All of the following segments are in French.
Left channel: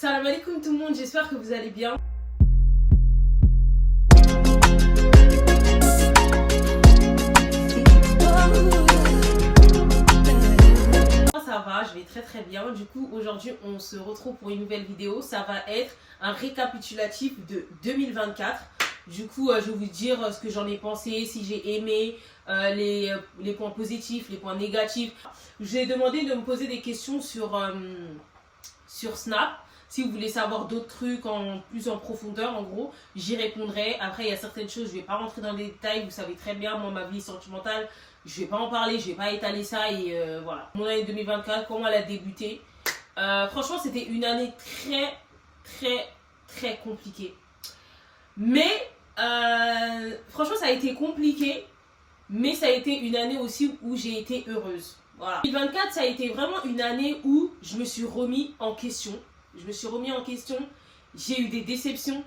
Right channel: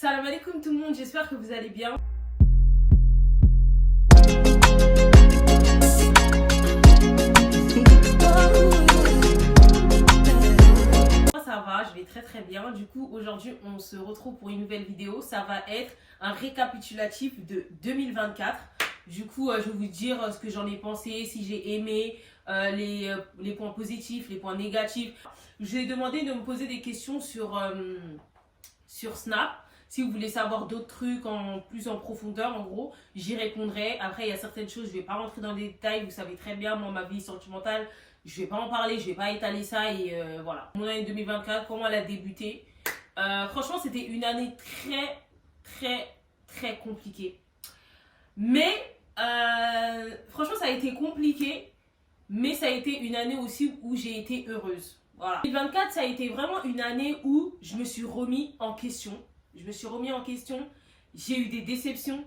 Salam alaikum tout le monde, j'espère que vous allez bien. Ça va, je vais très bien. Du coup, aujourd'hui, on se retrouve pour une nouvelle vidéo. Ça va être un récapitulatif de 2024. Du coup, je vais vous dire ce que j'en ai pensé, si j'ai aimé, les points positifs, les points négatifs. J'ai demandé de me poser des questions sur Snap. Si vous voulez savoir d'autres trucs plus en profondeur, en gros, j'y répondrai. Après, il y a certaines choses, je ne vais pas rentrer dans les détails. Vous savez très bien, moi, ma vie sentimentale, je ne vais pas en parler, je ne vais pas étaler ça. Et voilà. Mon année 2024, comment elle a débuté. Franchement, c'était une année très compliquée. Mais, franchement, ça a été compliqué. Mais ça a été une année aussi où j'ai été heureuse. Voilà. 2024, ça a été vraiment une année où je me suis remis en question. J'ai eu des déceptions.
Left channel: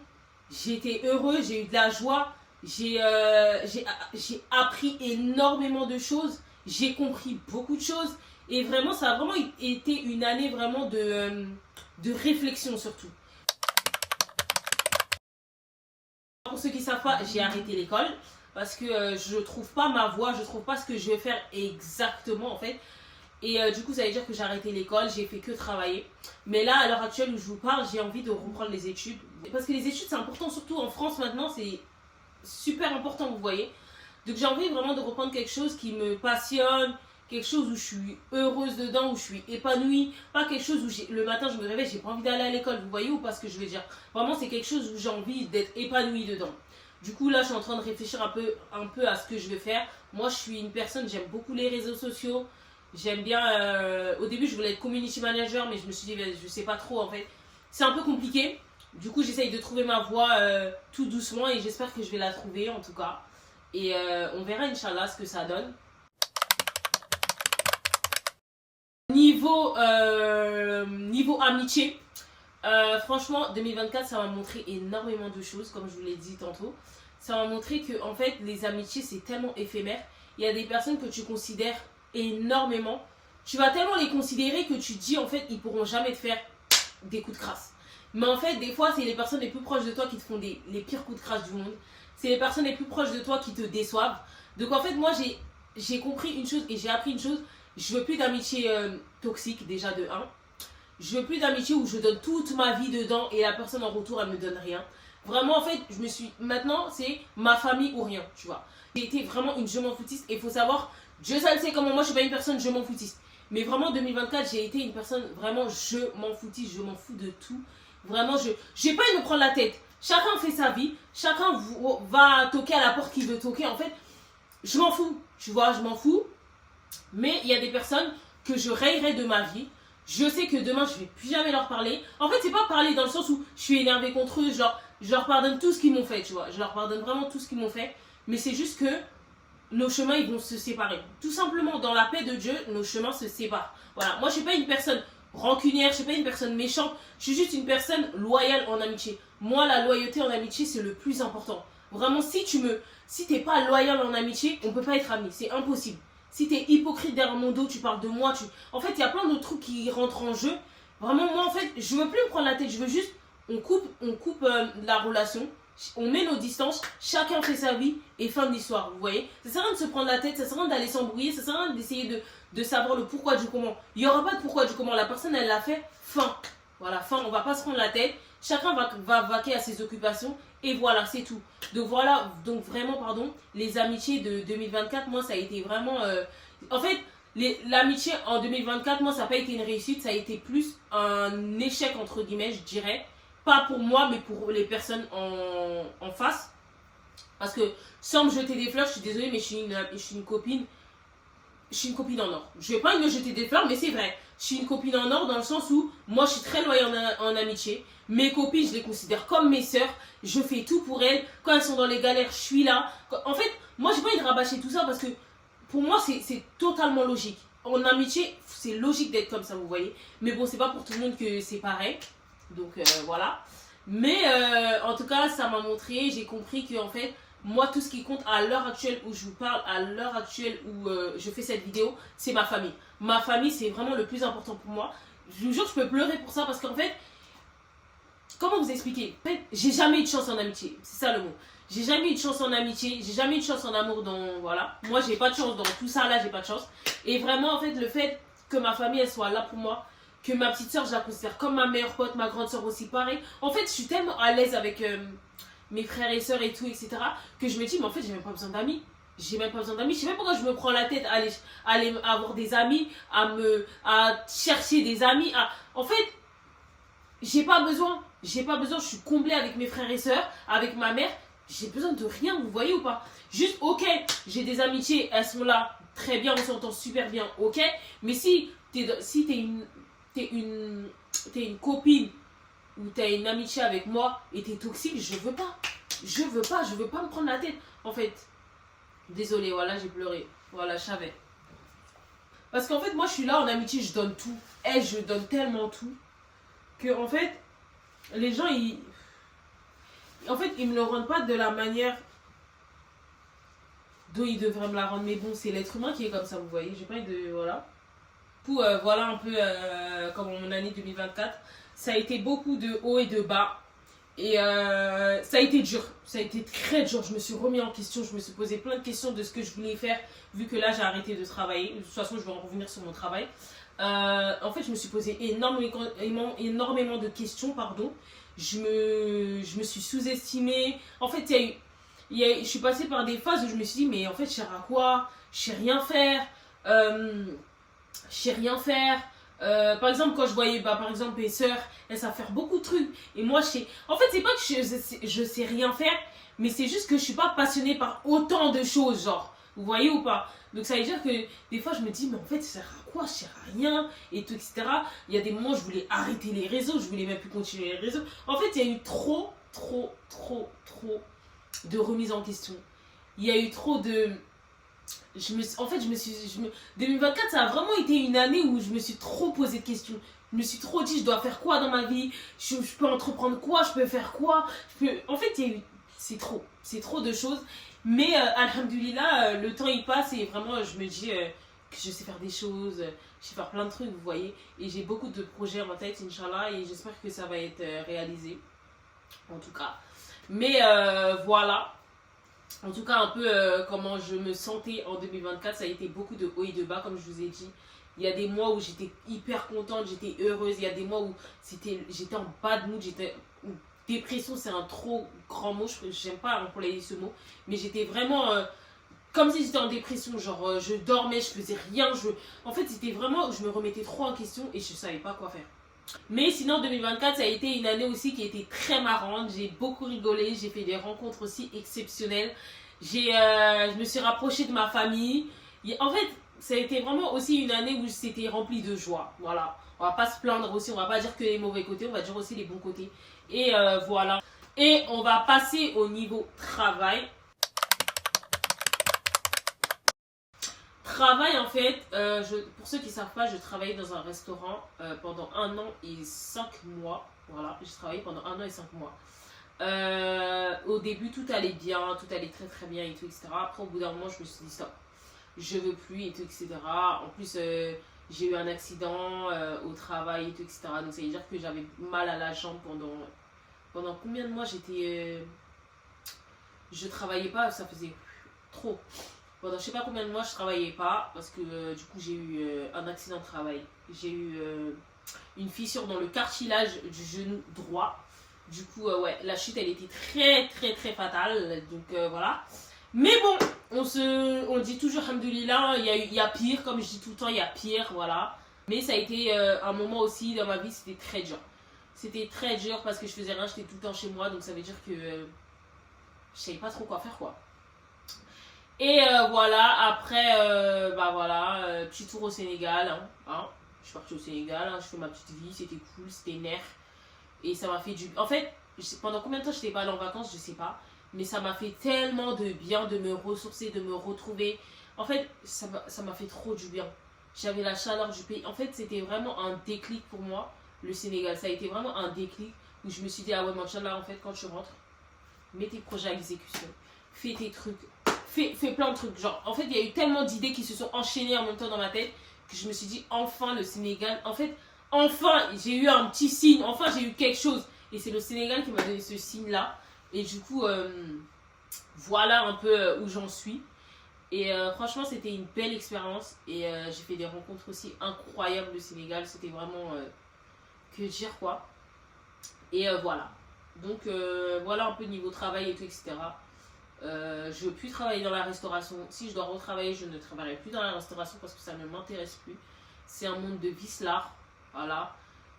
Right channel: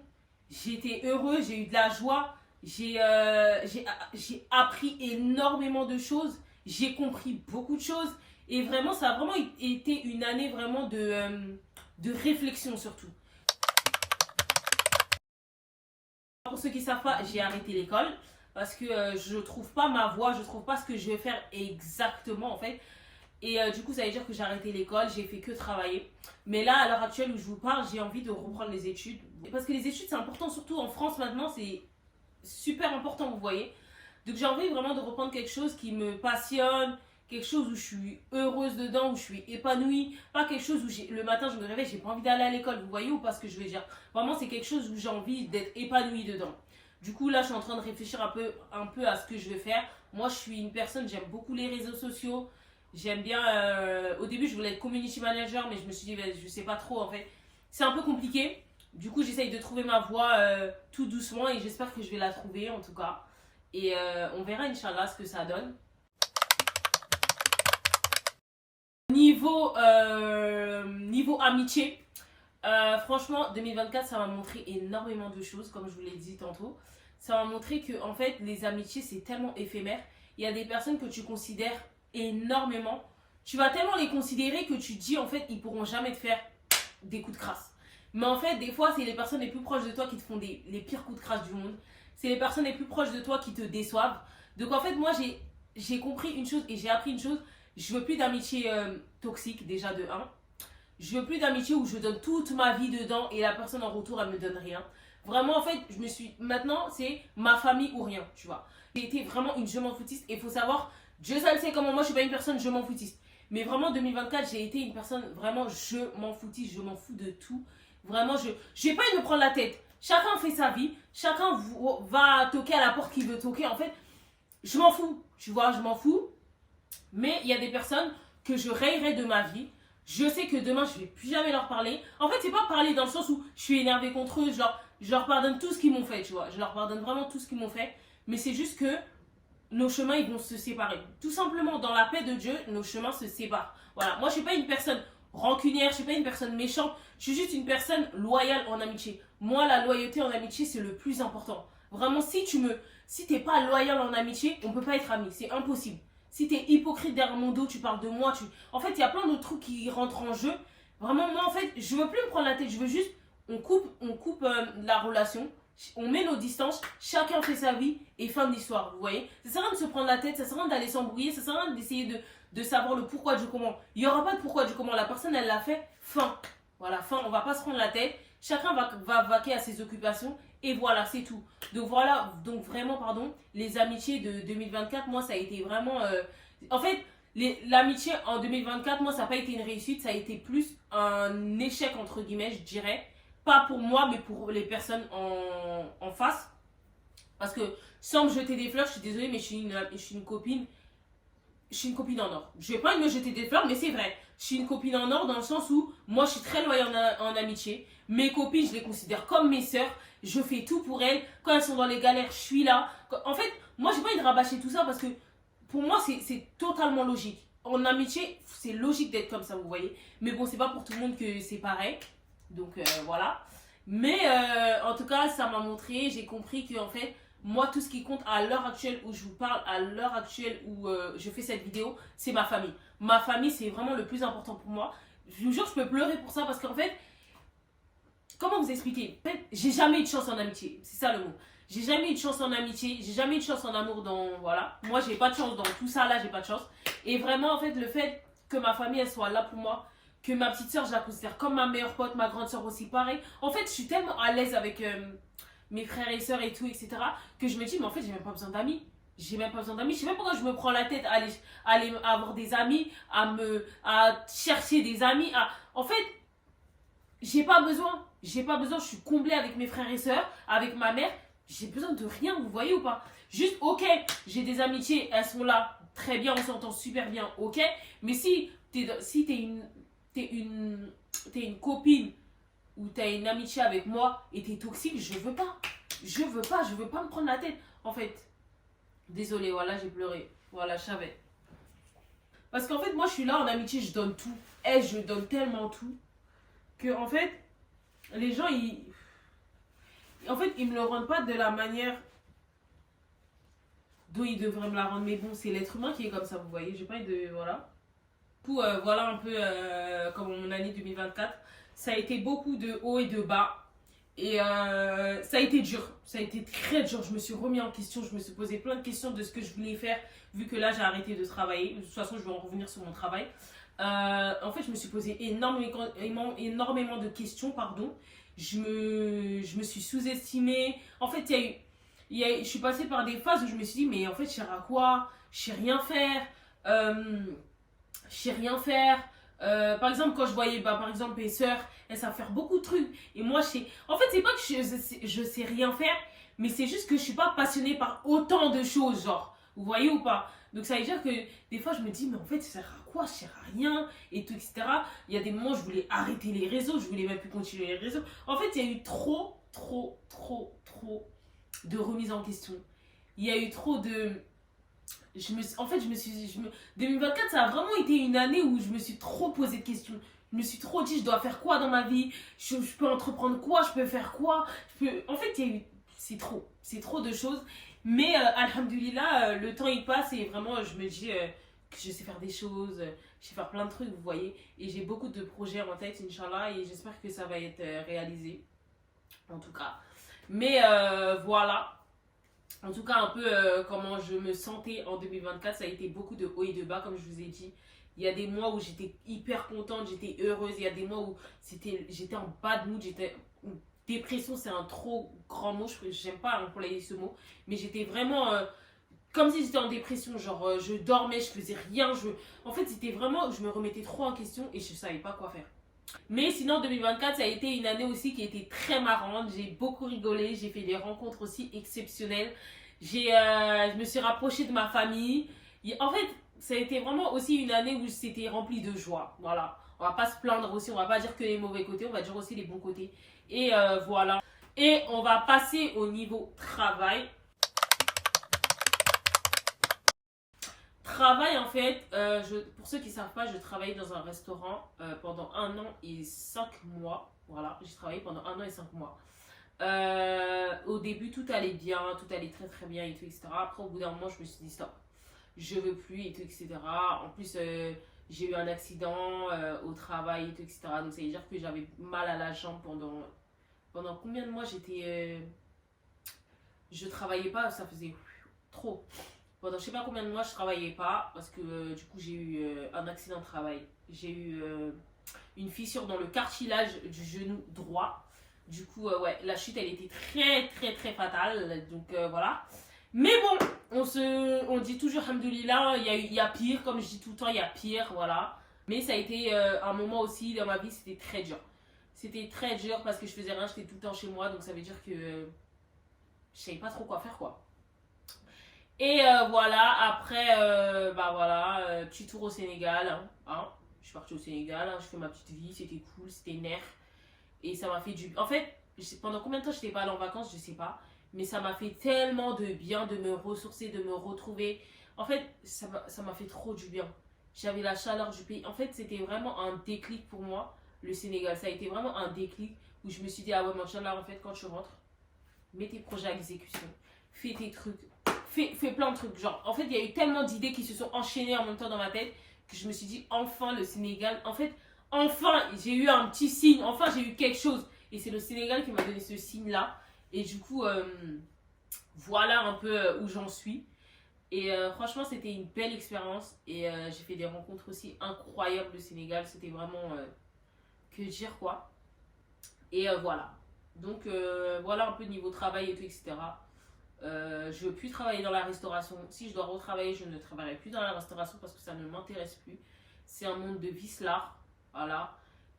J'ai été heureuse, j'ai eu de la joie. J'ai appris énormément de choses. J'ai compris beaucoup de choses. Et vraiment, ça a vraiment été une année vraiment de réflexion surtout. Pour ceux qui ne savent pas, j'ai arrêté l'école. Parce que je trouve pas ma voie, je trouve pas ce que je vais faire exactement en fait. Et du coup ça veut dire que j'ai arrêté l'école, j'ai fait que travailler. Mais là à l'heure actuelle où je vous parle, j'ai envie de reprendre les études. Parce que les études c'est important, surtout en France maintenant, c'est super important vous voyez. Donc j'ai envie vraiment de reprendre quelque chose qui me passionne, quelque chose où je suis heureuse dedans, où je suis épanouie. Pas quelque chose où le matin je me réveille, j'ai pas envie d'aller à l'école, vous voyez ou pas ce que je veux dire. Vraiment c'est quelque chose où j'ai envie d'être épanouie dedans. Du coup, là, je suis en train de réfléchir un peu à ce que je veux faire. Moi, je suis une personne, j'aime beaucoup les réseaux sociaux. J'aime bien... au début, je voulais être community manager, mais je me suis dit, je sais pas trop, en fait. C'est un peu compliqué. Du coup, j'essaye de trouver ma voie tout doucement et j'espère que je vais la trouver, en tout cas. Et on verra, Inch'Allah, ce que ça donne. Niveau amitié, franchement, 2024, ça m'a montré énormément de choses, comme je vous l'ai dit tantôt. Ça m'a montré que, en fait, les amitiés, c'est tellement éphémère. Il y a des personnes que tu considères énormément. Tu vas tellement les considérer que tu te dis, en fait, ils pourront jamais te faire des coups de crasse. Mais en fait, des fois, c'est les personnes les plus proches de toi qui te font les pires coups de crasse du monde. C'est les personnes les plus proches de toi qui te déçoivent. Donc, en fait, moi, j'ai compris une chose et j'ai appris une chose. Je veux plus d'amitié toxique, déjà de 1. Je veux plus d'amitié où je donne toute ma vie dedans et la personne en retour, elle me donne rien. Vraiment, en fait, maintenant, c'est ma famille ou rien, tu vois. J'ai été vraiment une je m'en foutiste et il faut savoir, Dieu seul sait comment moi, je suis pas une personne je m'en foutiste. Mais vraiment, 2024, j'ai été une personne vraiment je m'en foutiste, je m'en fous de tout. Vraiment, j'ai pas envie de me prendre la tête. Chacun fait sa vie, chacun va toquer à la porte qu'il veut toquer. En fait, je m'en fous, tu vois, je m'en fous. Mais il y a des personnes que je rayerai de ma vie. Je sais que demain, je ne vais plus jamais leur parler. En fait, c'est pas parler dans le sens où je suis énervée contre eux. Je leur pardonne tout ce qu'ils m'ont fait, tu vois. Je leur pardonne vraiment tout ce qu'ils m'ont fait. Mais c'est juste que nos chemins, ils vont se séparer. Tout simplement, dans la paix de Dieu, nos chemins se séparent. Voilà. Moi, je ne suis pas une personne rancunière. Je ne suis pas une personne méchante. Je suis juste une personne loyale en amitié. Moi, la loyauté en amitié, c'est le plus important. Vraiment, si tu n'es pas loyal en amitié, on ne peut pas être amis. C'est impossible. Si tu es hypocrite derrière mon dos, tu parles de moi. En fait, il y a plein de trucs qui rentrent en jeu. Vraiment, moi, en fait, je veux plus me prendre la tête. Je veux juste, on coupe la relation. On met nos distances. Chacun fait sa vie et fin de l'histoire. Vous voyez, ça sert à rien de se prendre la tête. Ça sert à rien d'aller s'embrouiller. Ça sert à rien d'essayer de savoir le pourquoi du comment. Il n'y aura pas de pourquoi du comment. La personne, elle l'a fait. Fin. Voilà, fin. On va pas se prendre la tête. Chacun va vaquer à ses occupations. Et voilà, c'est tout. Donc voilà, donc vraiment, pardon, les amitiés de 2024, moi, ça a été vraiment... En fait, l'amitié en 2024, moi, ça n'a pas été une réussite, ça a été plus un échec, entre guillemets, je dirais. Pas pour moi, mais pour les personnes en face. Parce que, sans me jeter des fleurs, je suis désolée, mais je suis une copine. Je suis une copine en or. Je vais pas me jeter des fleurs, mais c'est vrai. Je suis une copine en or dans le sens où moi, je suis très loyale en amitié. Mes copines, je les considère comme mes sœurs. Je fais tout pour elles. Quand elles sont dans les galères, je suis là. En fait, moi, j'ai pas envie de rabâcher tout ça parce que pour moi, c'est totalement logique. En amitié, c'est logique d'être comme ça, vous voyez. Mais bon, c'est pas pour tout le monde que c'est pareil. Donc, voilà. Mais en tout cas, ça m'a montré, j'ai compris que en fait, moi, tout ce qui compte à l'heure actuelle où je vous parle, à l'heure actuelle où je fais cette vidéo, c'est ma famille. Ma famille, c'est vraiment le plus important pour moi. Je vous jure, je peux pleurer pour ça parce qu'en fait, vous expliquer? En fait, j'ai jamais eu de chance en amitié. C'est ça le mot. J'ai jamais eu de chance en amitié. J'ai jamais eu de chance en amour. Voilà. Moi, j'ai pas de chance dans tout ça là. J'ai pas de chance. Et vraiment, en fait, le fait que ma famille, elle soit là pour moi, que ma petite soeur, je la considère comme ma meilleure pote, ma grande soeur aussi, pareil. En fait, je suis tellement à l'aise avec mes frères et soeurs et tout, etc., que je me dis, mais en fait, j'ai même pas besoin d'amis. J'ai même pas besoin d'amis. Je sais même pas pourquoi je me prends la tête à aller avoir des amis, à chercher des amis. En fait, j'ai pas besoin. J'ai pas besoin. Je suis comblée avec mes frères et sœurs, avec ma mère. J'ai besoin de rien, vous voyez ou pas? Juste, ok, j'ai des amitiés, elles sont là, très bien, on s'entend super bien, ok. Mais si t'es une copine ou t'as une amitié avec moi et t'es toxique, je veux pas. Je veux pas me prendre la tête. En fait, désolée, voilà, j'ai pleuré. Voilà, je savais. Parce qu'en fait, moi, je suis là en amitié, je donne tout. Et je donne tellement tout que, en fait, les gens, en fait, ils me le rendent pas de la manière dont ils devraient me la rendre. Mais bon, c'est l'être humain qui est comme ça, vous voyez. J'ai pas eu de... Voilà. Pour, voilà un peu comme mon année 2024. Ça a été beaucoup de hauts et de bas. Et ça a été dur. Ça a été très dur. Je me suis remis en question. Je me suis posé plein de questions de ce que je voulais faire. Vu que là, j'ai arrêté de travailler. De toute façon, je vais en revenir sur mon travail. En fait, je me suis posé énormément de questions, pardon. Je me suis sous-estimée. En fait, je suis passée par des phases où je me suis dit, mais en fait, je sais à quoi? Je sais rien faire. Je sais rien faire. Par exemple, quand je voyais, par exemple, mes sœurs, elles savent faire beaucoup de trucs. Et moi, je sais... En fait, c'est pas que je sais rien faire, mais c'est juste que je suis pas passionnée par autant de choses, genre. Vous voyez ou pas? Donc, ça veut dire que des fois, je me dis, mais en fait, ça sert à quoi? Je sers à rien, et tout, etc. Il y a des moments où je voulais arrêter les réseaux, je voulais même plus continuer les réseaux. En fait, il y a eu trop de remise en question. Il y a eu trop de... En fait, 2024, ça a vraiment été une année où je me suis trop posé de questions. Je me suis trop dit, je dois faire quoi dans ma vie? Je peux entreprendre quoi? Je peux faire quoi? En fait, c'est trop de choses. Mais, alhamdoulilah, le temps il passe et vraiment, je me dis que je sais faire des choses, je sais faire plein de trucs, vous voyez. Et j'ai beaucoup de projets en tête, Inch'Allah, et j'espère que ça va être réalisé, en tout cas. Mais voilà. En tout cas, un peu comment je me sentais en 2024, ça a été beaucoup de hauts et de bas, comme je vous ai dit. Il y a des mois où j'étais hyper contente, j'étais heureuse. Il y a des mois où j'étais en bad mood, dépression, c'est un trop grand mot, j'aime pas employer ce mot. Mais j'étais vraiment comme si j'étais en dépression, genre je dormais, je faisais rien. En fait, c'était vraiment, je me remettais trop en question et je savais pas quoi faire. Mais sinon, 2024, ça a été une année aussi qui a été très marrante. J'ai beaucoup rigolé, j'ai fait des rencontres aussi exceptionnelles. Je me suis rapprochée de ma famille. En fait, ça a été vraiment aussi une année où c'était rempli de joie. Voilà. On va pas se plaindre aussi, on va pas dire que les mauvais côtés, on va dire aussi les bons côtés. Et voilà. Et on va passer au niveau travail. Travail, en fait, pour ceux qui ne savent pas, je travaillais dans un restaurant pendant 1 an et 5 mois. Voilà, j'ai travaillé pendant 1 an et 5 mois. Au début, tout allait bien, tout allait très très bien et tout, etc. Après, au bout d'un moment, je me suis dit stop, je veux plus et tout, etc. En plus, j'ai eu un accident au travail et tout, etc. Donc, ça veut dire que j'avais mal à la jambe pendant combien de mois je travaillais pas, ça faisait trop. Pendant je sais pas combien de mois je travaillais pas parce que du coup j'ai eu un accident de travail. J'ai eu une fissure dans le cartilage du genou droit. Du coup ouais, la chute elle était très fatale. Donc voilà. Mais bon, on dit toujours alhamdoulilah, il y a pire, comme je dis tout le temps, il y a pire, voilà. Mais ça a été un moment aussi dans ma vie, c'était très dur. C'était très dur parce que je faisais rien, j'étais tout le temps chez moi, donc ça veut dire que je savais pas trop quoi faire quoi. Et voilà, après, voilà, petit tour au Sénégal. Je suis partie au Sénégal, je fais ma petite vie, c'était cool, c'était nerf. Et ça m'a fait du... En fait, pendant combien de temps je n'étais pas allée en vacances, je sais pas. Mais ça m'a fait tellement de bien de me ressourcer, de me retrouver. En fait, ça m'a fait trop du bien. J'avais la chaleur du pays. En fait, c'était vraiment un déclic pour moi, le Sénégal. Ça a été vraiment un déclic où je me suis dit, ah ouais, machallah, en fait, quand tu rentres, mets tes projets à exécution. Fais tes trucs. Fais plein de trucs. Genre, en fait, il y a eu tellement d'idées qui se sont enchaînées en même temps dans ma tête que je me suis dit, enfin, le Sénégal. En fait, enfin, j'ai eu un petit signe. Enfin, j'ai eu quelque chose. Et c'est le Sénégal qui m'a donné ce signe-là. Et du coup, voilà un peu où j'en suis. Et franchement, c'était une belle expérience. Et j'ai fait des rencontres aussi incroyables au Sénégal. C'était vraiment, que dire quoi. Et voilà. Donc voilà un peu niveau travail et tout, etc. Je veux plus travailler dans la restauration. Si je dois retravailler, je ne travaillerai plus dans la restauration parce que ça ne m'intéresse plus. C'est un monde de vicelard. Voilà.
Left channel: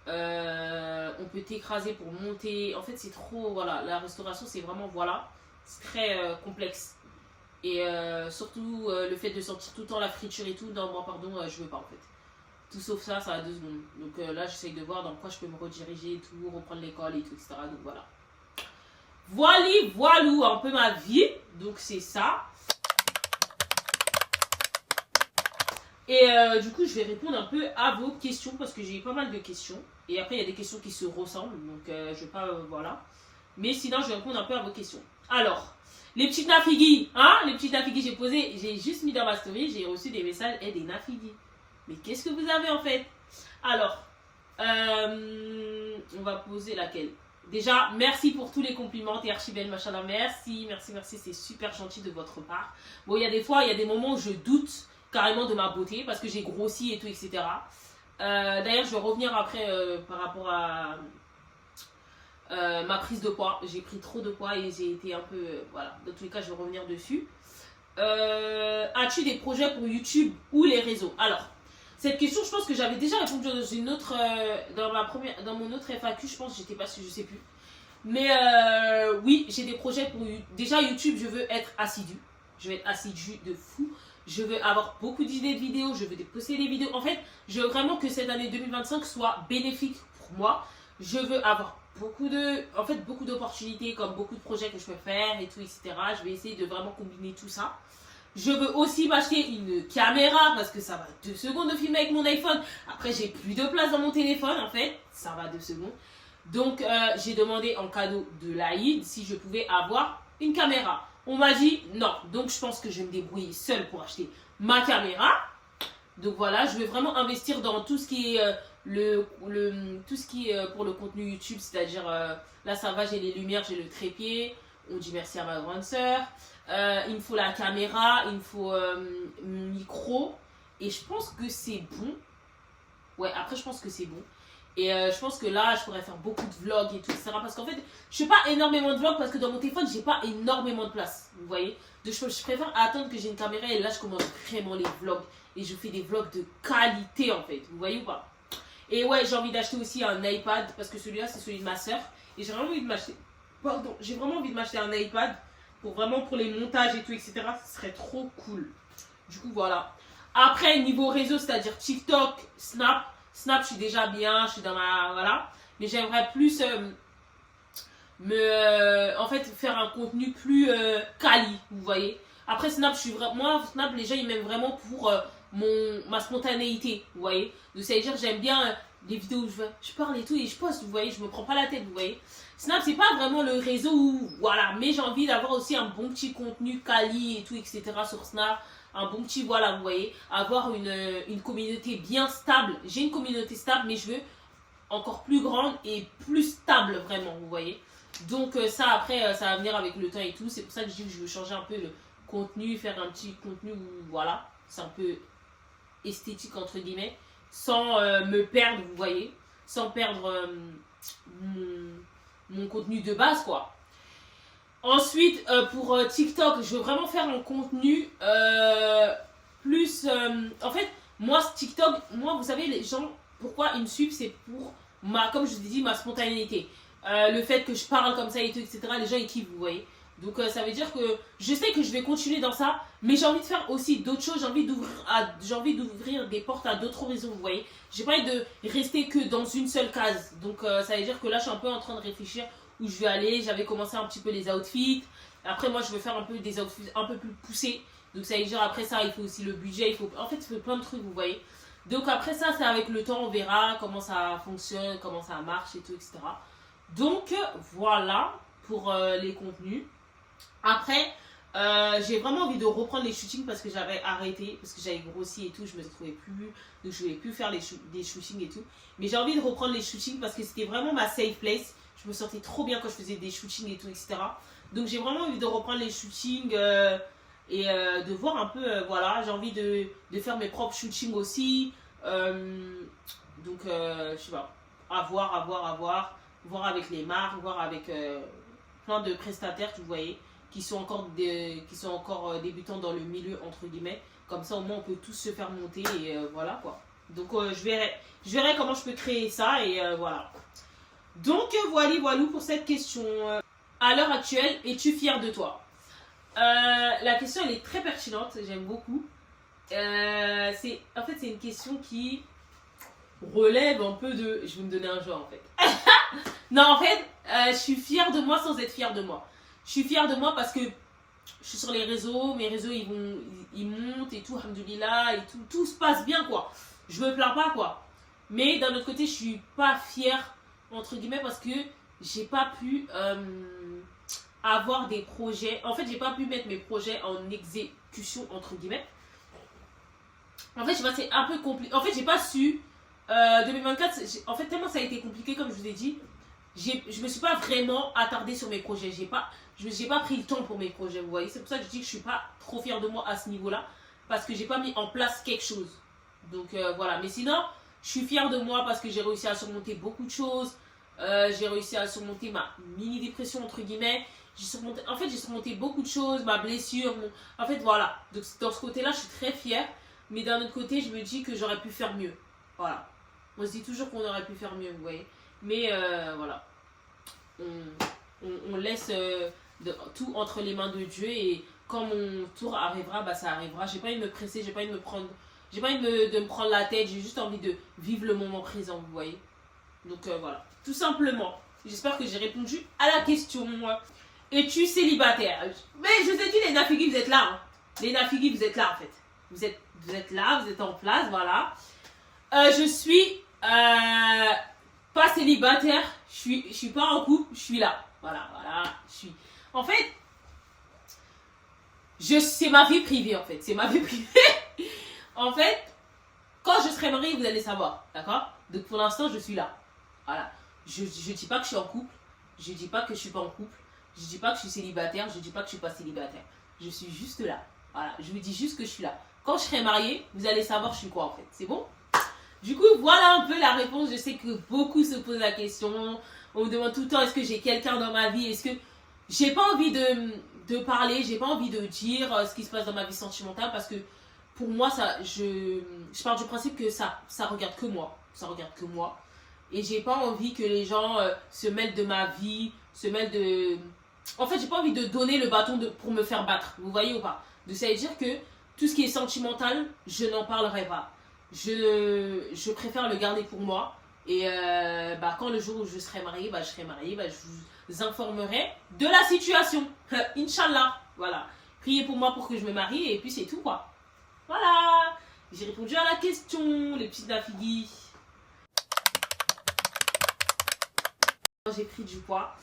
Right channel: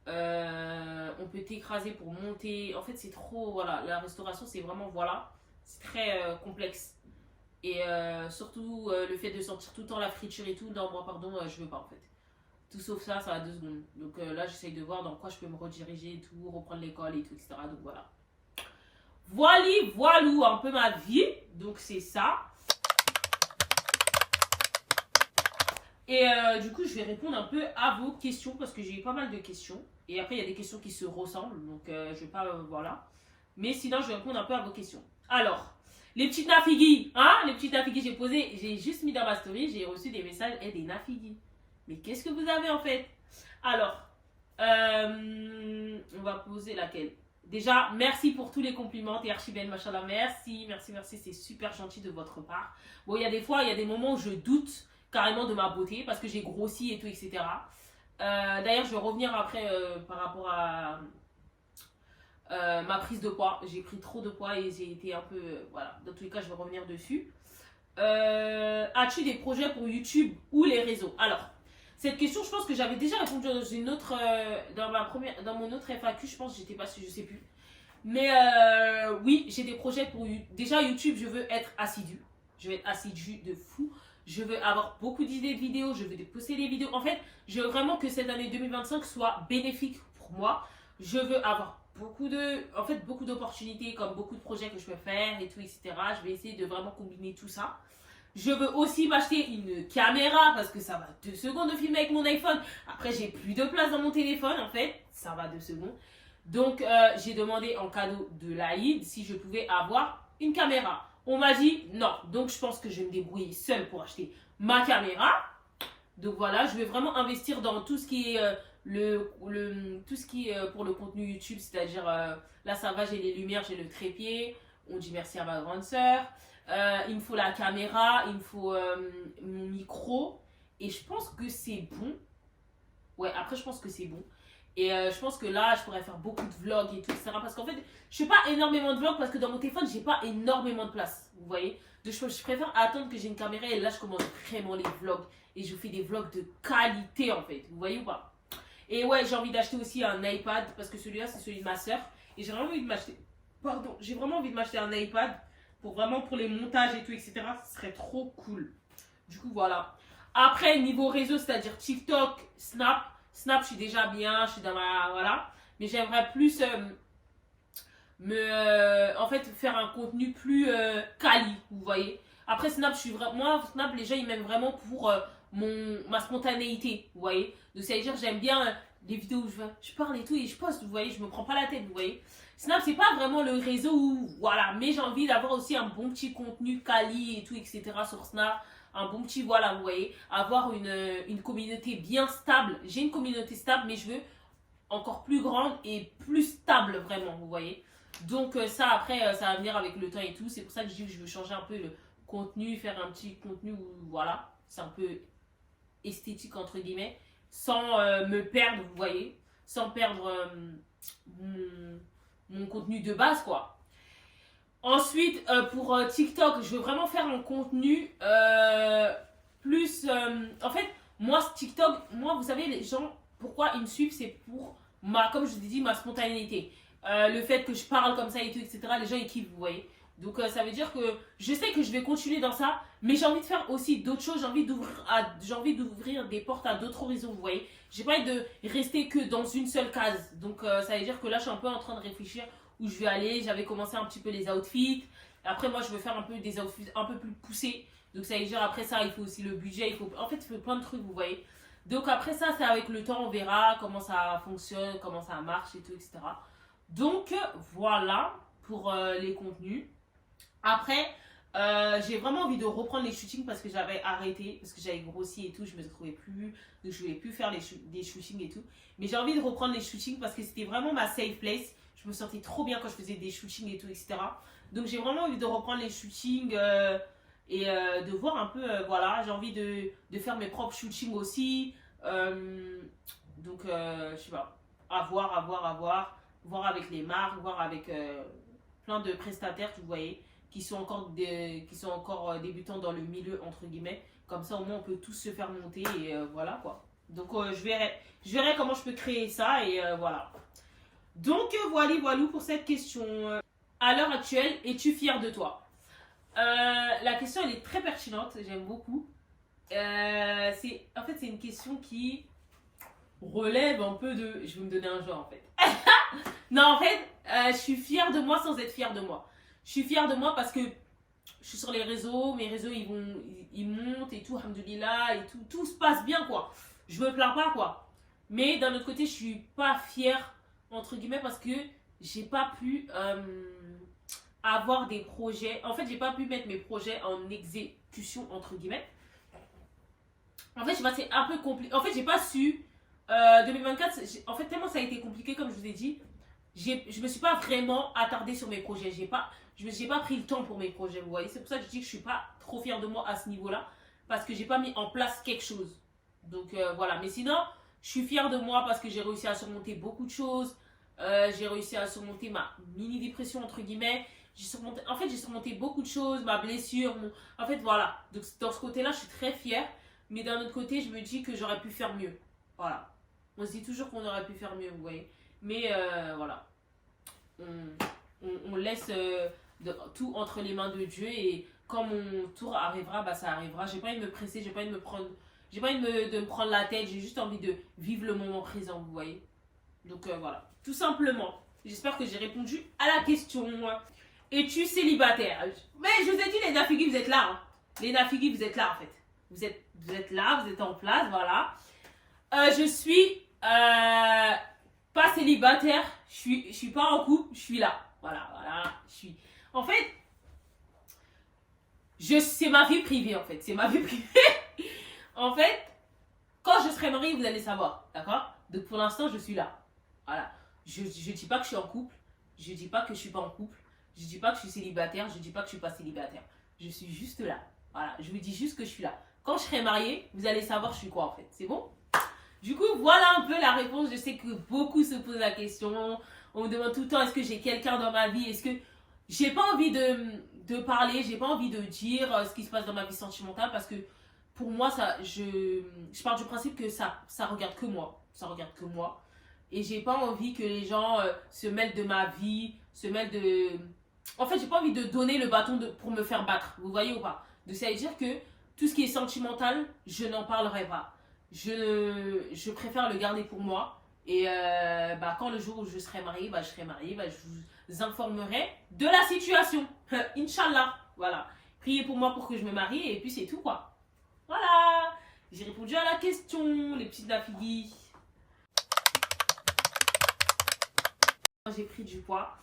On peut t'écraser pour monter. En fait, c'est trop. Voilà. La restauration, c'est vraiment. Voilà. C'est très complexe. Et surtout, le fait de sentir tout le temps la friture et tout. Non, moi, pardon, je veux pas en fait. Tout sauf ça, ça va 2 secondes. Donc là, j'essaye de voir dans quoi je peux me rediriger et tout, reprendre l'école et tout, etc. Donc voilà. Voilà un peu ma vie. Donc c'est ça. Et du coup, je vais répondre un peu à vos questions parce que j'ai pas mal de questions. Et après, il y a des questions qui se ressemblent. Donc je vais pas. Voilà. Mais sinon, je vais répondre un peu à vos questions. Alors, les petites nafigis. Hein, les petites nafigis, j'ai juste mis dans ma story, j'ai reçu des messages et des nafigis. Mais qu'est-ce que vous avez en fait? Alors, on va poser laquelle? Déjà, merci pour tous les compliments, t'es archi belle, machallah, merci, c'est super gentil de votre part. Bon, il y a des fois, il y a des moments où je doute carrément de ma beauté parce que j'ai grossi et tout, etc. D'ailleurs, je vais revenir après par rapport à ma prise de poids. J'ai pris trop de poids et j'ai été un peu... voilà, dans tous les cas, je vais revenir dessus. As-tu des projets pour YouTube ou les réseaux? Alors, cette question, je pense que j'avais déjà répondu dans une autre, dans mon autre FAQ, je pense, j'étais pas sûre, je sais plus. Mais oui, j'ai des projets pour déjà YouTube, je veux être assidue. Je vais être assidue de fou. Je veux avoir beaucoup d'idées de vidéos, je veux poster des vidéos. En fait, je veux vraiment que cette année 2025 soit bénéfique pour moi. Je veux avoir beaucoup d'opportunités, comme beaucoup de projets que je peux faire et tout, etc. Je vais essayer de vraiment combiner tout ça. Je veux aussi m'acheter une caméra parce que ça va 2 secondes de filmer avec mon iPhone. Après, j'ai plus de place dans mon téléphone en fait. Ça va 2 secondes. Donc, j'ai demandé en cadeau de l'Aïd si je pouvais avoir une caméra. On m'a dit non. Donc, je pense que je vais me débrouiller seule pour acheter ma caméra. Donc, voilà, je vais vraiment investir dans tout ce qui est, tout ce qui est pour le contenu YouTube. C'est-à-dire, là, ça va, j'ai les lumières, j'ai le trépied. On dit merci à ma grande sœur. Il me faut la caméra, il me faut mon micro. Et je pense que c'est bon. Ouais, après, je pense que c'est bon. Et je pense que là, je pourrais faire beaucoup de vlogs et tout, etc. Parce qu'en fait, je fais pas énormément de vlogs parce que dans mon téléphone, j'ai pas énormément de place. Vous voyez? Donc, je préfère attendre que j'ai une caméra et là, je commence vraiment les vlogs. Et je fais des vlogs de qualité, en fait. Vous voyez ou pas? Et ouais, j'ai envie d'acheter aussi un iPad parce que celui-là, c'est celui de ma soeur. Et j'ai vraiment envie de m'acheter... Pardon, j'ai vraiment envie de m'acheter un iPad pour les montages et tout, etc. Ce serait trop cool. Du coup, voilà. Après, niveau réseau, c'est-à-dire TikTok, Snap, je suis déjà bien, je suis dans ma... Voilà. Mais j'aimerais plus en fait, faire un contenu plus quali, vous voyez. Après, Snap, moi, Snap, les gens, ils m'aiment vraiment pour ma spontanéité, vous voyez. Donc, ça veut dire que j'aime bien des vidéos où je parle et tout et je poste, vous voyez. Je me prends pas la tête, vous voyez. Snap, c'est pas vraiment le réseau où... Voilà. Mais j'ai envie d'avoir aussi un bon petit contenu quali et tout, etc. sur Snap. Un bon petit, voilà, vous voyez, avoir une communauté bien stable. J'ai une communauté stable, mais je veux encore plus grande et plus stable, vraiment, vous voyez. Donc ça, après, ça va venir avec le temps et tout. C'est pour ça que je dis que je veux changer un peu le contenu, faire un petit contenu où, voilà, c'est un peu esthétique, entre guillemets, sans me perdre, vous voyez, sans perdre mon contenu de base, quoi. Ensuite, pour TikTok, je veux vraiment faire un contenu plus... en fait, moi, TikTok, vous savez, les gens, pourquoi ils me suivent, c'est pour, comme je vous ai dit, ma spontanéité. Le fait que je parle comme ça et tout, etc. Les gens, ils kiffent, vous voyez. Donc, ça veut dire que je sais que je vais continuer dans ça, mais j'ai envie de faire aussi d'autres choses. J'ai envie d'ouvrir des portes à d'autres horizons, vous voyez. J'ai pas envie de rester que dans une seule case. Donc, ça veut dire que là, je suis un peu en train de réfléchir où je vais aller. J'avais commencé un petit peu les outfits. Après, moi, je veux faire un peu des outfits un peu plus poussés. Donc, ça veut dire, après ça, il faut aussi le budget. En fait, il faut plein de trucs, vous voyez. Donc, après ça, c'est avec le temps, on verra comment ça fonctionne, comment ça marche et tout, etc. Donc, voilà pour les contenus. Après, j'ai vraiment envie de reprendre les shootings parce que j'avais arrêté, parce que j'avais grossi et tout, je me trouvais plus, donc je voulais plus faire des shootings et tout. Mais j'ai envie de reprendre les shootings parce que c'était vraiment ma safe place. Je me sentais trop bien quand je faisais des shootings et tout, etc. Donc j'ai vraiment envie de reprendre les shootings et de voir un peu, voilà, j'ai envie de faire mes propres shootings aussi. Donc, je sais pas, à voir avec les marques, voir avec plein de prestataires, vous voyez, qui sont encore débutants dans le milieu, entre guillemets. Comme ça, au moins, on peut tous se faire monter et voilà, quoi. Donc, je verrai comment je peux créer ça et voilà. Donc, voilà pour cette question. À l'heure actuelle, es-tu fière de toi? La question, elle est très pertinente, j'aime beaucoup. En fait, c'est une question qui relève un peu de... Je vais me donner un genre, en fait. Non, en fait, je suis fière de moi sans être fière de moi. Je suis fière de moi parce que je suis sur les réseaux, mes réseaux, ils montent et tout, alhamdoulilah, et tout se passe bien, quoi. Je me plains pas, quoi. Mais d'un autre côté, je suis pas fière, entre guillemets, parce que j'ai pas pu avoir des projets. En fait, j'ai pas pu mettre mes projets en exécution, entre guillemets. En fait, je sais pas, c'est un peu compliqué. En fait, j'ai pas su. 2024, en fait, tellement ça a été compliqué, comme je vous ai dit, je me suis pas vraiment attardée sur mes projets. J'ai pas pris le temps pour mes projets, vous voyez. C'est pour ça que je dis que je suis pas trop fière de moi à ce niveau-là, parce que j'ai pas mis en place quelque chose. Donc voilà. Mais sinon, je suis fière de moi parce que j'ai réussi à surmonter beaucoup de choses. J'ai réussi à surmonter ma mini-dépression, entre guillemets. J'ai surmonté beaucoup de choses, ma blessure. En fait, voilà. Donc, dans ce côté-là, je suis très fière. Mais d'un autre côté, je me dis que j'aurais pu faire mieux. Voilà. On se dit toujours qu'on aurait pu faire mieux, vous voyez. Mais voilà. On laisse tout entre les mains de Dieu. Et quand mon tour arrivera, bah, ça arrivera. J'ai pas envie de me presser, j'ai pas envie de me prendre... J'ai pas envie de me prendre la tête. J'ai juste envie de vivre le moment présent, vous voyez. Donc voilà. Tout simplement. J'espère que j'ai répondu à la question. Es-tu célibataire? Mais je vous ai dit, les Nafigui, vous êtes là. Hein. Les Nafigui, vous êtes là, en fait. Vous êtes là, vous êtes en place, voilà. Je suis pas célibataire, je suis pas en couple, je suis là. Voilà. En fait, c'est ma vie privée, en fait. C'est ma vie privée. En fait, quand je serai mariée, vous allez savoir, d'accord? Donc pour l'instant, je suis là. Voilà. Je dis pas que je suis en couple, je dis pas que je suis pas en couple, je dis pas que je suis célibataire, je dis pas que je suis pas célibataire. Je suis juste là. Voilà, je vous dis juste que je suis là. Quand je serai mariée, vous allez savoir je suis quoi, en fait. C'est bon? Du coup, voilà un peu la réponse. Je sais que beaucoup se posent la question. On me demande tout le temps, est-ce que j'ai quelqu'un dans ma vie? Est-ce que j'ai pas envie de parler, j'ai pas envie de dire ce qui se passe dans ma vie sentimentale, parce que pour moi, je pars du principe que ça regarde que moi. Ça regarde que moi. Et j'ai pas envie que les gens se mêlent de ma vie, se mêlent de... En fait, j'ai pas envie de donner le bâton pour me faire battre. Vous voyez ou pas? Donc ça veut dire que tout ce qui est sentimental, je n'en parlerai pas. Je préfère le garder pour moi. Et quand le jour où je serai mariée, je vous informerai de la situation. Inch'Allah. Voilà. Priez pour moi pour que je me marie et puis c'est tout, quoi. Voilà. J'ai répondu à la question, les petites nafigis. J'ai pris du poids.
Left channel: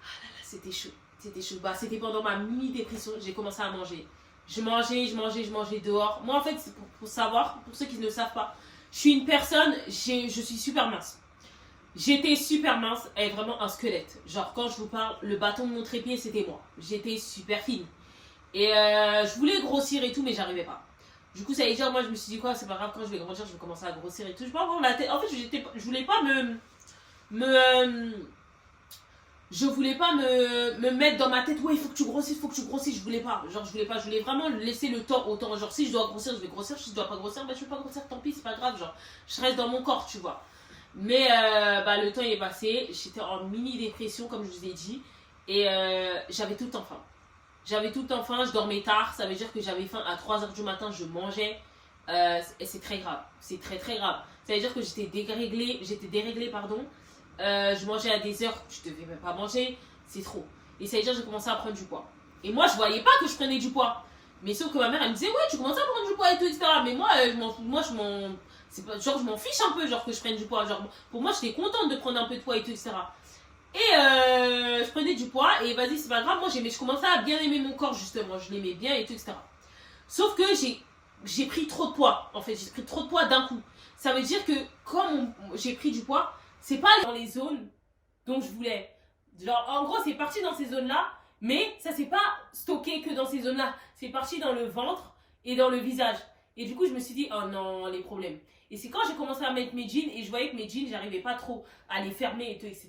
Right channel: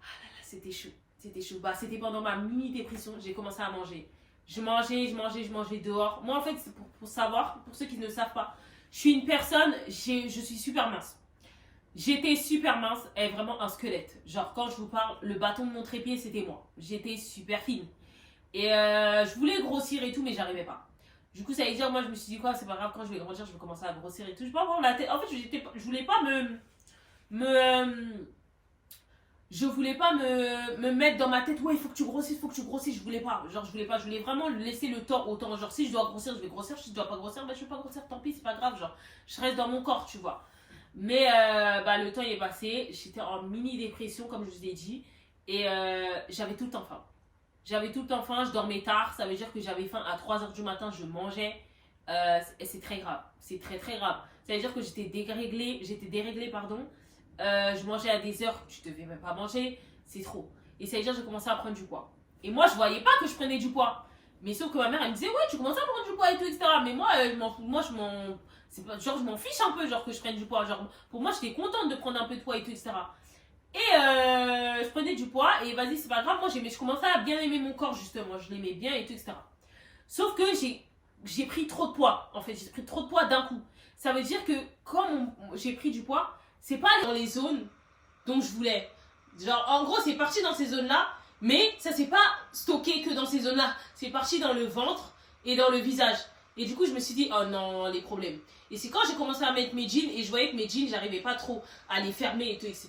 Ah là là, c'était chaud. C'était chaud. Bah, c'était pendant ma mini-dépression. J'ai commencé à manger. Je mangeais dehors. Moi, en fait, c'est pour savoir, pour ceux qui ne le savent pas, je suis une personne, je suis super mince. J'étais super mince et vraiment un squelette. Genre, quand je vous parle, le bâton de mon trépied, c'était moi. J'étais super fine. Et je voulais grossir et tout, mais j'arrivais pas. Du coup, ça veut dire, moi, je me suis dit quoi, c'est pas grave, quand je vais grandir, je vais commencer à grossir et tout. Je peux avoir la tête. En fait, je voulais pas je voulais pas me mettre dans ma tête, ouais, il faut que tu grossisses, je voulais pas, je voulais vraiment laisser le temps au temps, genre si je dois grossir, je vais grossir, si je dois pas grossir, je vais pas grossir, tant pis, c'est pas grave, genre, je reste dans mon corps, tu vois. Mais le temps il est passé, j'étais en mini dépression, comme je vous ai dit, et j'avais tout le temps faim. Je dormais tard, ça veut dire que j'avais faim à 3h du matin, je mangeais, et c'est très grave, c'est très très grave. Ça veut dire que j'étais déréglée, pardon. Je mangeais à des heures, je devais même pas manger, c'est trop. Et ça veut dire que j'ai commencé à prendre du poids. Et moi, je voyais pas que je prenais du poids. Mais sauf que ma mère, elle me disait, ouais, tu commences à prendre du poids et tout, etc. Mais moi, c'est pas, genre, je m'en fiche un peu, genre, que je prenne du poids. Genre, pour moi, j'étais contente de prendre un peu de poids et tout, etc. Et je prenais du poids, et vas-y, c'est pas grave. Moi, je commençais à bien aimer mon corps, justement. Je l'aimais bien et tout, etc. Sauf que j'ai pris trop de poids, en fait. J'ai pris trop de poids d'un coup. Ça veut dire que quand j'ai pris du poids, c'est pas dans les zones Donc je voulais, genre en gros c'est parti dans ces zones-là, mais ça s'est pas stocké que dans ces zones-là. C'est parti dans le ventre et dans le visage. Et du coup je me suis dit, oh non, les problèmes. Et c'est quand j'ai commencé à mettre mes jeans et je voyais que mes jeans, j'arrivais pas trop à les fermer et tout, etc.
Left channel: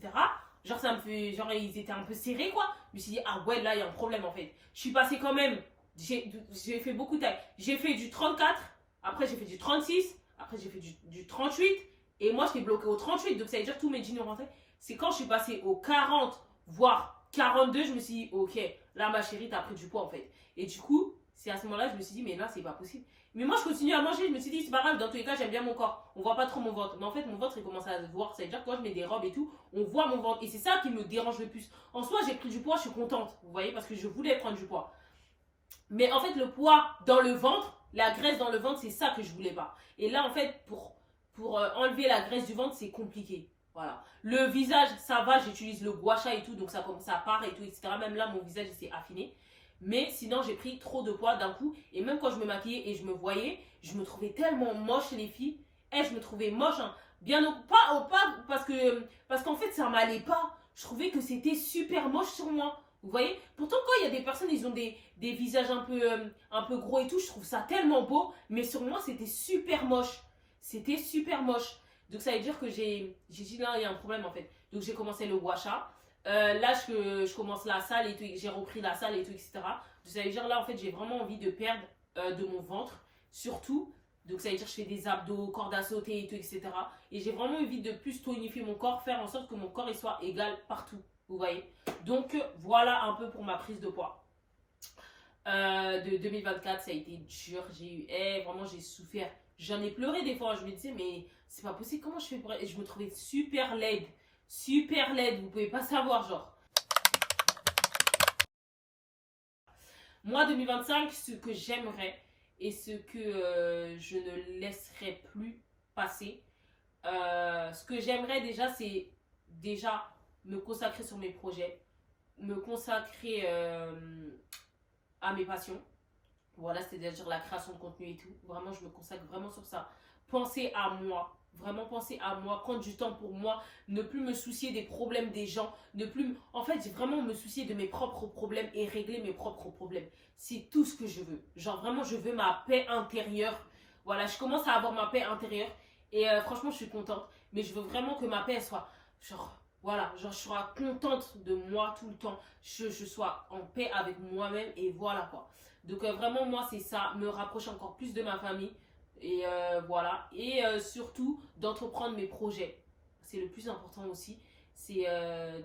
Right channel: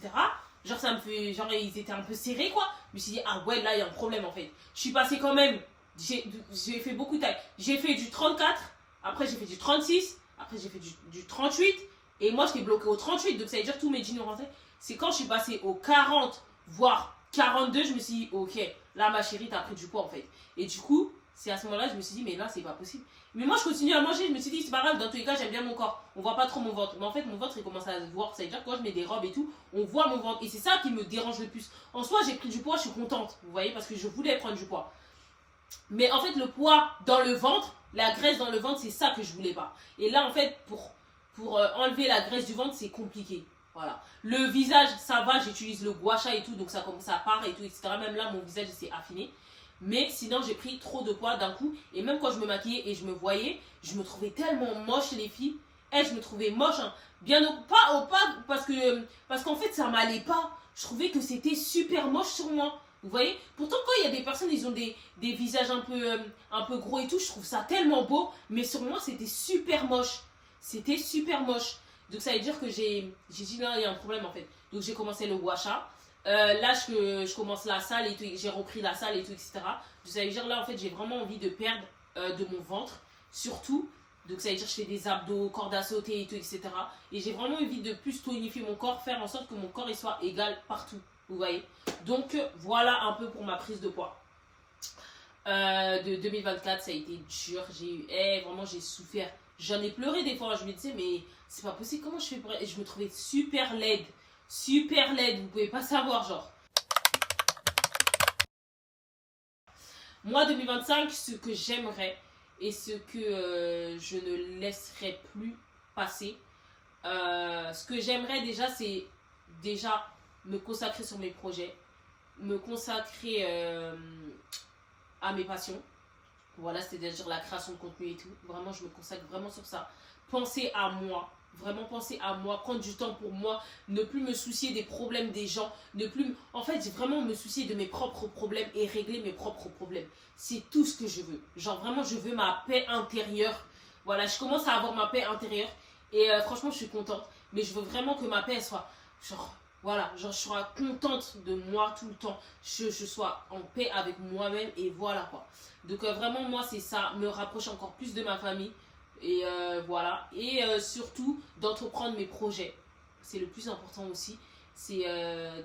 Genre ça me fait, genre ils étaient un peu serrés quoi. Je me suis dit, ah ouais, là il y a un problème en fait. Je suis passée quand même, j'ai fait beaucoup de tailles. J'ai fait du 34, après j'ai fait du 36, après j'ai fait du 38. Et moi j'étais bloquée au 38, donc ça veut dire que tous mes jeans ont rentré. C'est quand je suis passée au 40, voire 42, je me suis dit, ok, là ma chérie, t'as pris du poids en fait. Et du coup, c'est à ce moment-là, je me suis dit, mais là c'est pas possible. Mais moi je continue à manger, je me suis dit, c'est pas grave, dans tous les cas, j'aime bien mon corps. On voit pas trop mon ventre. Mais en fait, mon ventre il commence à se voir. Ça veut dire que quand je mets des robes et tout, on voit mon ventre. Et c'est ça qui me dérange le plus. En soi, j'ai pris du poids, je suis contente, vous voyez, parce que je voulais prendre du poids. Mais en fait, le poids dans le ventre, la graisse dans le ventre, c'est ça que je voulais pas. Et là, en fait, pour enlever la graisse du ventre, c'est compliqué. Voilà. Le visage, ça va, j'utilise le gua sha et tout, donc ça commence à part et tout, etc. Même là, mon visage, il s'est affiné. Mais sinon, j'ai pris trop de poids d'un coup. Et même quand je me maquillais et je me voyais, je me trouvais tellement moche, les filles. Je me trouvais moche. Hein. Pas parce qu'en fait, ça m'allait pas. Je trouvais que c'était super moche sur moi. Vous voyez? Pourtant, quand il y a des personnes, ils ont des visages un peu gros et tout, je trouve ça tellement beau. Mais sur moi, c'était super moche. C'était super moche. Donc, ça veut dire que j'ai dit là, il y a un problème en fait. Donc, j'ai commencé le gua sha. Là, je commence la salle et tout, j'ai repris la salle et tout, etc. Donc, ça veut dire là, en fait, j'ai vraiment envie de perdre de mon ventre, surtout. Donc, ça veut dire que je fais des abdos, corde à sauter et tout, etc. Et j'ai vraiment envie de plus tonifier mon corps, faire en sorte que mon corps il soit égal partout. Vous voyez? Donc, voilà un peu pour ma prise de poids. De 2024, ça a été dur. Vraiment, j'ai souffert. J'en ai pleuré des fois. Je me disais, mais c'est pas possible. Comment je fais pour... Et je me trouvais super laide. Super laide. Vous pouvez pas savoir, genre. Moi, 2025, ce que j'aimerais et ce que je ne laisserai plus passer. Ce que j'aimerais déjà, c'est déjà me consacrer sur mes projets. Me consacrer à mes passions. Voilà, c'est-à-dire la création de contenu et tout. Vraiment, je me consacre vraiment sur ça. Penser à moi. Vraiment penser à moi. Prendre du temps pour moi. Ne plus me soucier des problèmes des gens. En fait, vraiment me soucier de mes propres problèmes et régler mes propres problèmes. C'est tout ce que je veux. Genre, vraiment, je veux ma paix intérieure. Voilà, je commence à avoir ma paix intérieure. Et franchement, je suis contente. Mais je veux vraiment que ma paix soit... Genre, voilà, genre je sois contente de moi tout le temps. Je sois en paix avec moi-même et voilà quoi. Donc vraiment moi c'est ça, me rapprocher encore plus de ma famille. Et voilà. Et surtout d'entreprendre mes projets. C'est le plus important aussi. C'est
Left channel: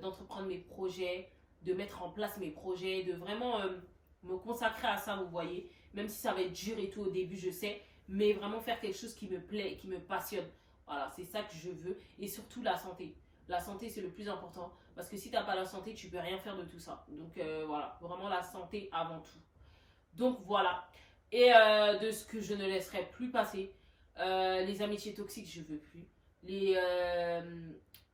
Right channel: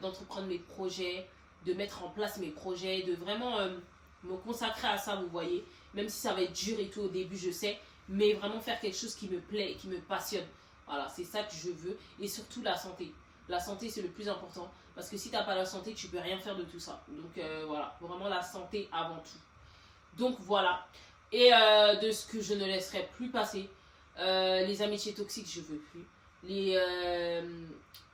d'entreprendre mes projets, de mettre en place mes projets, de vraiment me consacrer à ça, vous voyez. Même si ça va être dur et tout au début, je sais. Mais vraiment faire quelque chose qui me plaît, qui me passionne. Voilà, c'est ça que je veux. Et surtout la santé. La santé, c'est le plus important. Parce que si tu n'as pas la santé, tu ne peux rien faire de tout ça. Donc voilà, vraiment la santé avant tout. Donc voilà. Et de ce que je ne laisserai plus passer. Les amitiés toxiques, je ne veux plus.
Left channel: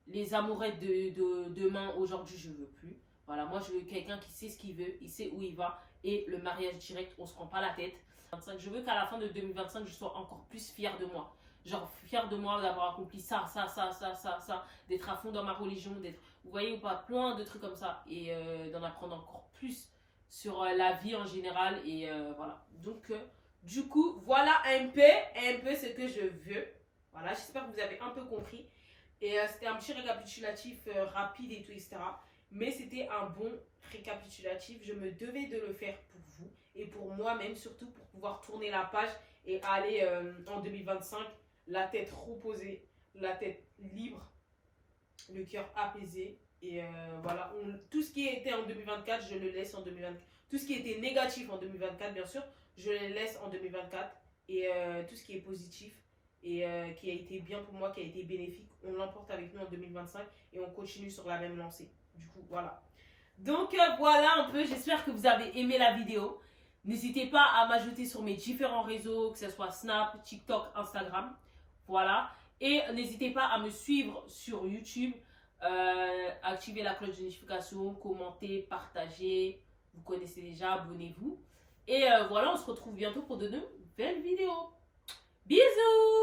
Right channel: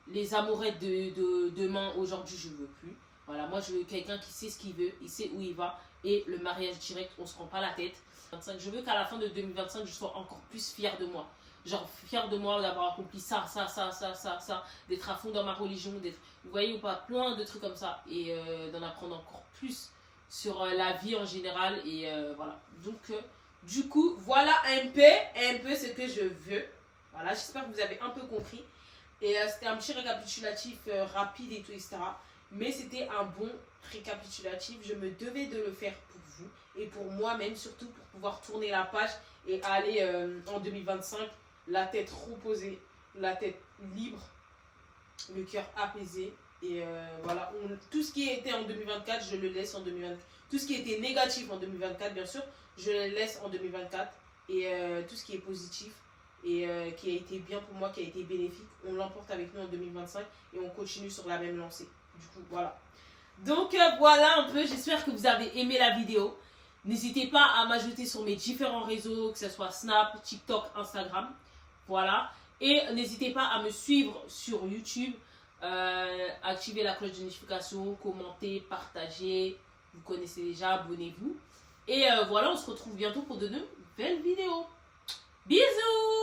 Les amourettes de demain, aujourd'hui, je ne veux plus. Voilà, moi, je veux quelqu'un qui sait ce qu'il veut, il sait où il va. Et le mariage direct, on ne se prend pas la tête. Je veux qu'à la fin de 2025, je sois encore plus fière de moi. Genre fière de moi d'avoir accompli ça, d'être à fond dans ma religion, vous voyez ou pas, plein de trucs comme ça. Et d'en apprendre encore plus sur la vie en général. Et voilà. Donc, du coup, voilà un peu ce que je veux. Voilà, j'espère que vous avez un peu compris. Et c'était un petit récapitulatif rapide et tout, etc. Mais c'était un bon récapitulatif. Je me devais de le faire pour vous et pour moi-même, surtout pour pouvoir tourner la page et aller en 2025, la tête reposée, la tête libre, le cœur apaisé. Et voilà, tout ce qui était en 2024, je le laisse en 2024. Tout ce qui était négatif en 2024, bien sûr, je le laisse en 2024. Et tout ce qui est positif et qui a été bien pour moi, qui a été bénéfique, on l'emporte avec nous en 2025 et on continue sur la même lancée. Du coup, voilà. Donc, voilà un peu. J'espère que vous avez aimé la vidéo. N'hésitez pas à m'ajouter sur mes différents réseaux, que ce soit Snap, TikTok, Instagram. Voilà. Et n'hésitez pas à me suivre sur YouTube. Activez la cloche de notification, commentez, partagez. Vous connaissez déjà, abonnez-vous. Et voilà, on se retrouve bientôt pour de nouvelles vidéos. Bisous!